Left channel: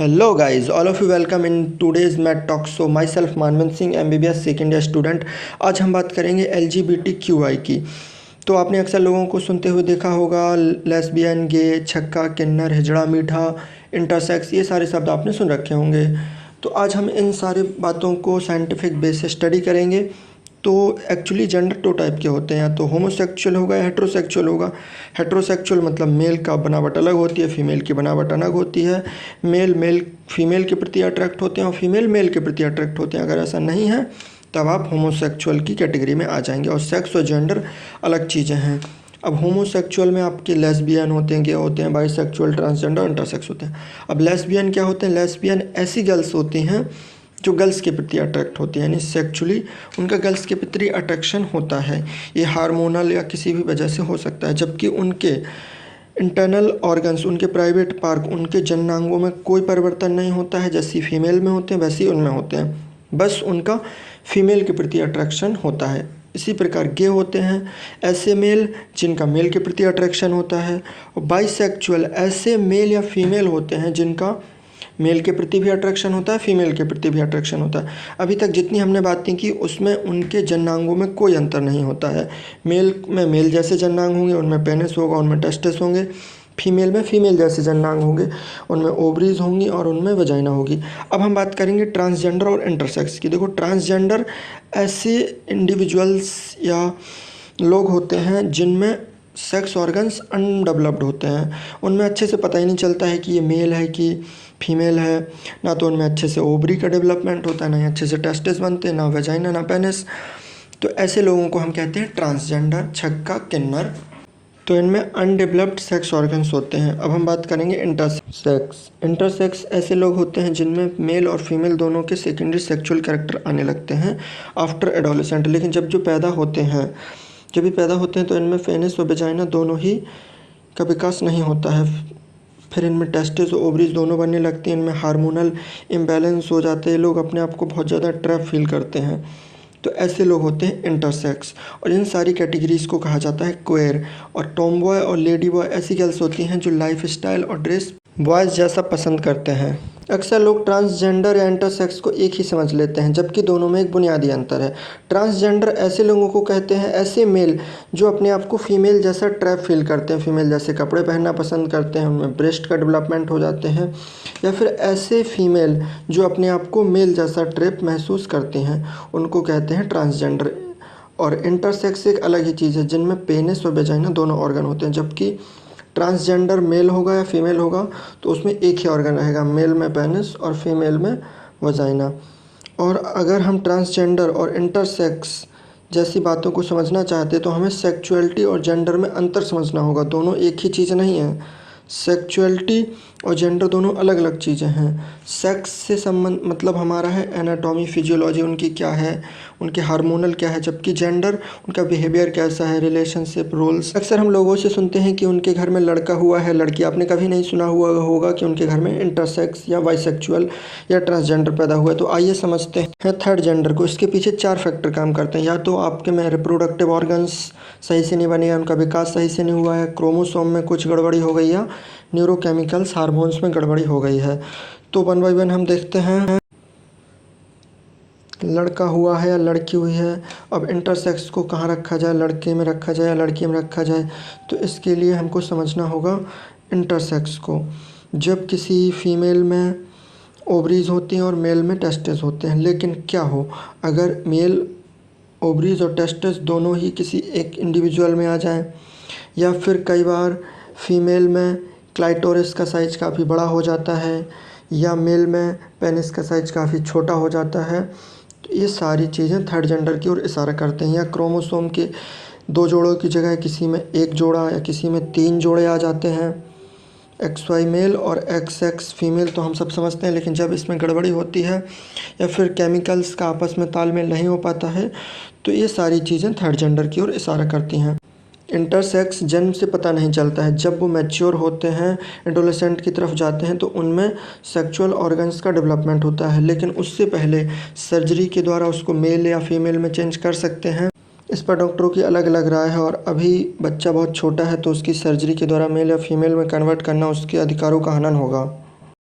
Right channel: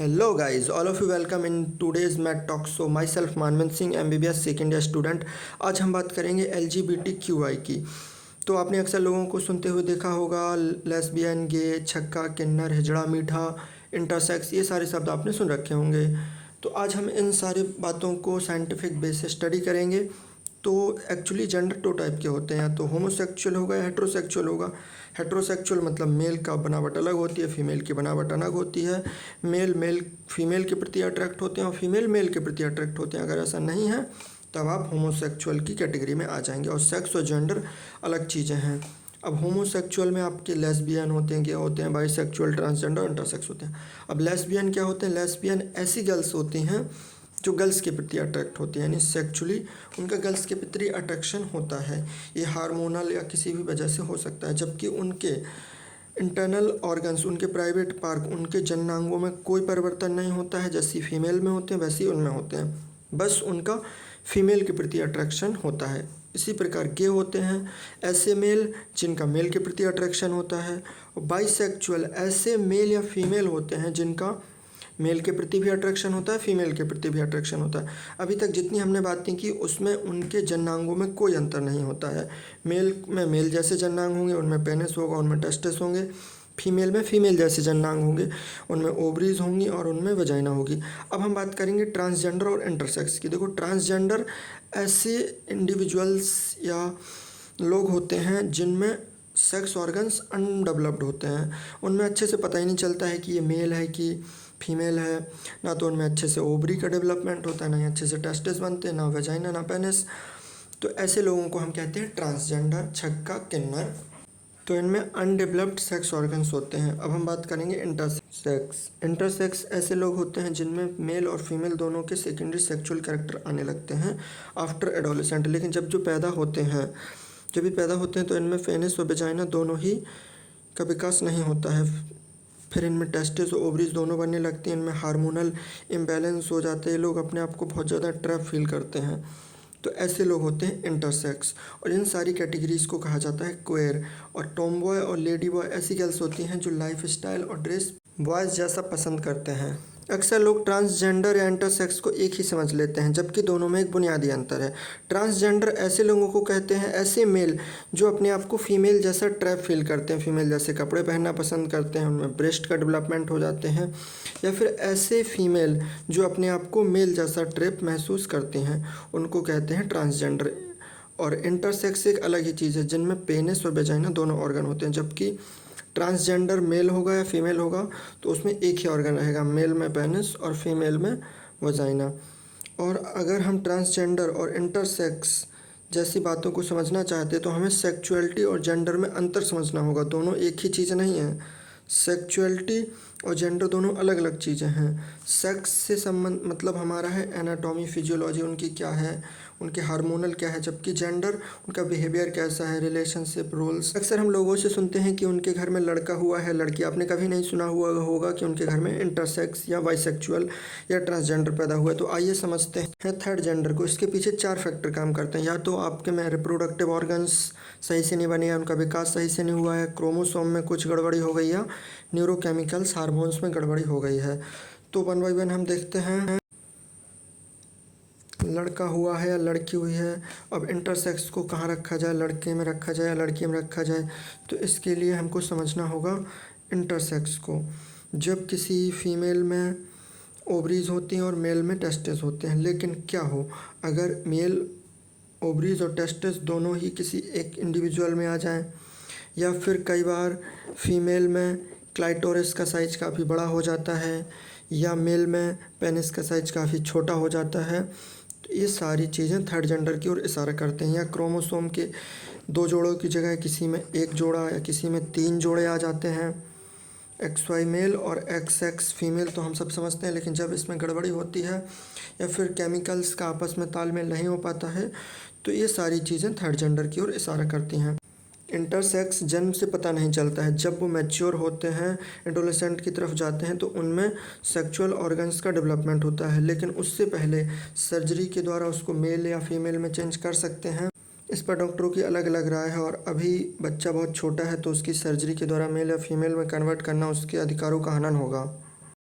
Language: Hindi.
Hello guys, all of you welcome in today's Math Talk. So myself Manvant Singh MBBS second year student. आज हम बात करेंगे LGBTQI की। तो आपने अक्सर लोगों को सुनते हुए देखा होगा, लेस्बियन, गे, छक्का, किन्नर, हिजड़ा, मीठा, इंटरसेक्स, ये सारे शब्द आपने सुन रखे होंगे। तो आज हम इन सारी बातों को साइंटिफिक बेस से स्टडी करेंगे। तो एक्चुअली जेंडर दो टाइप के होते हैं, तो होमोसेक्सुअल होगा या हेट्रोसेक्सुअल होगा। हेट्रोसेक्सुअल मतलब मेल का बनावट अलग होती है, फीमेल की बनावट अलग होती है। मेल फीमेल के प्रति अट्रैक्ट होते हैं और फीमेल मेल के प्रति अट्रैक्ट होते हैं। अगर ऐसा नहीं है तब आप होमोसेक्सुअल की कैटेगरी में आ जाएंगे। और सेक्स और जेंडर अलग चीज़ें हैं। अब होमोसेक्सुअल में आपके लेस्बियन होते हैं, गे होते हैं, बाइसेक्सुअल, ट्रांसजेंडर, इंटरसेक्स होते हैं। अब लेस्बियन क्या होते हैं? लेस्बियन ऐसी गर्ल्स होती हैं जो गर्ल्स के प्रति अट्रैक्ट होती है, यानी सेक्चुअली उनका गर्ल्स के प्रति अट्रैक्शन होता है। ये हार्मोनल या किसी भी वजह से हो सकता है। जबकि उनके इंटरनल ऑर्गन्स, उनके प्राइवेट पार्ट, उनके जननांगों में कोई परिवर्तन नहीं होता है। जैसी फीमेल में होते हैं वैसे ही उनमें होते हैं, बस उनका फीमेल के प्रति अट्रैक्शन होता है। इसी प्रकार गे होते हैं ऐसे मेल जिनका मेल के प्रति अट्रैक्शन होता है। और बाइसेक्चुअल ऐसे मेल या फीमेल होते हैं जिनका मेल के प्रति भी अट्रैक्शन होता है, फीमेल के प्रति भी अट्रैक्शन होता है। अभी तक जितनी हमने बातें की उसमें उनके जननांगों में कोई अंतर नहीं होता है। मेल में मेल जैसे जननांग होंगे, उनमें पेनिस होगा, उनमें टेस्टिस होंगे। फीमेल में फीमेल जैसे जननांग होंगे, उनमें ओवरीज होंगी और उनमें वजाइना होगी। अब हम बात करेंगे ट्रांसजेंडर और इंटरसेक्स की। देखो, ट्रांसजेंडर ऐसे इंडिविजुअल्स या लोग होते हैं जिनमें सेक्स ऑर्गन्स अनडेवलप्ड होते हैं। उनमें अच्छे से पता ही नहीं चलता है कि ये मेल है कि फीमेल है। ना तो उनमें अच्छे से ओवरी का डेवलपमेंट होता है, ना ही अच्छे से टेस्टिस बनते हैं, ना वेजाइना, ना पेनिस। तो ऐसे लोगों को हम कहते हैं ट्रांसजेंडर, छक्का, किन्नर। तो इनमें अनडेवलप्ड सेक्स ऑर्गन्स होते हैं। अब हम बात करेंगे इंटरसेक्स। इंटरसेक्स ऐसे लोग होते हैं जिनमें मेल और फीमेल दोनों के सेकेंडरी सेक्सुअल कैरेक्टर आने लगते हैं आफ्टर एडोलेसेंट। लेकिन जब भी पैदा होते हैं तो इनमें पेनिस और वेजाइना दोनों ही का विकास नहीं होता है। फिर इनमें टेस्टिस और ओवरीज दोनों बनने लगते हैं। इनमें हार्मोनल इम्बैलेंस हो जाते हैं। लोग अपने आप को बहुत ज़्यादा ट्रैप फील करते हैं। तो ऐसे लोग होते हैं इंटरसेक्स। और इन सारी कैटेगरीज़ को कहा जाता है क्वेयर। और टॉम बॉय और लेडी बॉय ऐसी गर्ल्स होती हैं जो लाइफ स्टाइल और ड्रेस बॉयज़ जैसा पसंद करते हैं। अक्सर लोग ट्रांसजेंडर या इंटरसेक्स को एक ही समझ लेते हैं, जबकि दोनों में एक बुनियादी अंतर है। ट्रांसजेंडर ऐसे लोगों को कहते हैं, ऐसे मेल जो अपने आप को फीमेल जैसा ट्रैप फील करते हैं, फीमेल जैसे कपड़े पहनना पसंद करते हैं, उनमें ब्रेस्ट का डेवलपमेंट हो जाते हैं। या फिर ऐसे फीमेल जो अपने आप को मेल जैसा ट्रैप महसूस करते हैं, उनको कहते हैं ट्रांसजेंडर। और इंटरसेक्स एक अलग ही चीज़ है जिनमें पेनिस और वेजाइना दोनों ऑर्गन होते हैं। जबकि ट्रांसजेंडर मेल होगा या फीमेल होगा तो उसमें एक ही ऑर्गन रहेगा, मेल में पेनिस और फीमेल में वजाइना। और अगर हम ट्रांसजेंडर और इंटरसेक्स जैसी बातों को समझना चाहते तो हमें सेक्सुअलिटी और जेंडर में अंतर समझना होगा। दोनों एक ही चीज़ नहीं है। सेक्सुअलिटी और जेंडर दोनों अलग अलग चीज़ें हैं। सेक्स से संबंध मतलब हमारा है एनाटॉमी, फिजियोलॉजी उनकी क्या है, उनके हार्मोनल क्या है। जबकि जेंडर उनका बिहेवियर कैसा है, रिलेशनशिप, रोल्स। अक्सर हम लोगों से सुनते हैं कि उनके घर में लड़का हुआ है, लड़की। आपने कभी नहीं सुना हुआ होगा कि उनके घर में इंटरसेक्स या बाइसेक्सुअल या ट्रांसजेंडर पैदा हुआ है। तो आइए समझते हैं थर्ड जेंडर को। इसके पीछे 4 फैक्टर काम करते हैं। या तो आपके में रिप्रोडक्टिव ऑर्गन्स सही से नहीं बने हैं, उनका विकास सही से नहीं हुआ है, क्रोमोसोम में कुछ गड़बड़ी हो गई या न्यूरोकेमिकल्स हार्मोन्स में गड़बड़ी हो गई है। तो 1 बाय 1 हम देखते हैं। लड़का हुआ है या लड़की हुई है। अब इंटरसेक्स को कहाँ रखा जाए, लड़के में रखा जाए या लड़की में रखा जाए। तो इसके लिए हमको समझना होगा इंटरसेक्स को। जब किसी फीमेल में ओवरीज होती हैं और मेल में टेस्टिस होते हैं। लेकिन क्या हो अगर मेल ओवरीज और टेस्टिस दोनों ही किसी एक इंडिविजुअल में आ जाएं, या फिर कई बार फीमेल में क्लाइटोरिस का साइज़ काफ़ी बड़ा हो जाता है या मेल में पेनिस का साइज़ काफ़ी छोटा हो जाता है। तो ये सारी चीज़ें थर्ड जेंडर की ओर इशारा करते हैं। या क्रोमोसोम के 2 जोड़ों की जगह किसी में 1 जोड़ा या किसी में 3 जोड़े आ जाते हैं। XY मेल और XX फीमेल तो हम सब समझते हैं, लेकिन जब इसमें गड़बड़ी होती है या फिर केमिकल्स का आपस में तालमेल नहीं हो पाता है तो ये सारी चीज़ें थर्ड जेंडर की ओर इशारा करती हैं। इंटरसेक्स जन्म से पता नहीं चलता है। जब वो मैच्योर होते हैं, एडोलेसेंट की तरफ जाते हैं, तो उनमें सेक्सुअल ऑर्गन्स का डेवलपमेंट होता है। लेकिन उससे पहले सर्जरी के द्वारा उसको मेल या फीमेल में चेंज कर सकते हैं। इस पर डॉक्टरों की अलग अलग राय है। और अभी बच्चा बहुत छोटा है तो उसकी सर्जरी के द्वारा मेल या फीमेल में कन्वर्ट करना उसके अधिकारों का हनन होगा।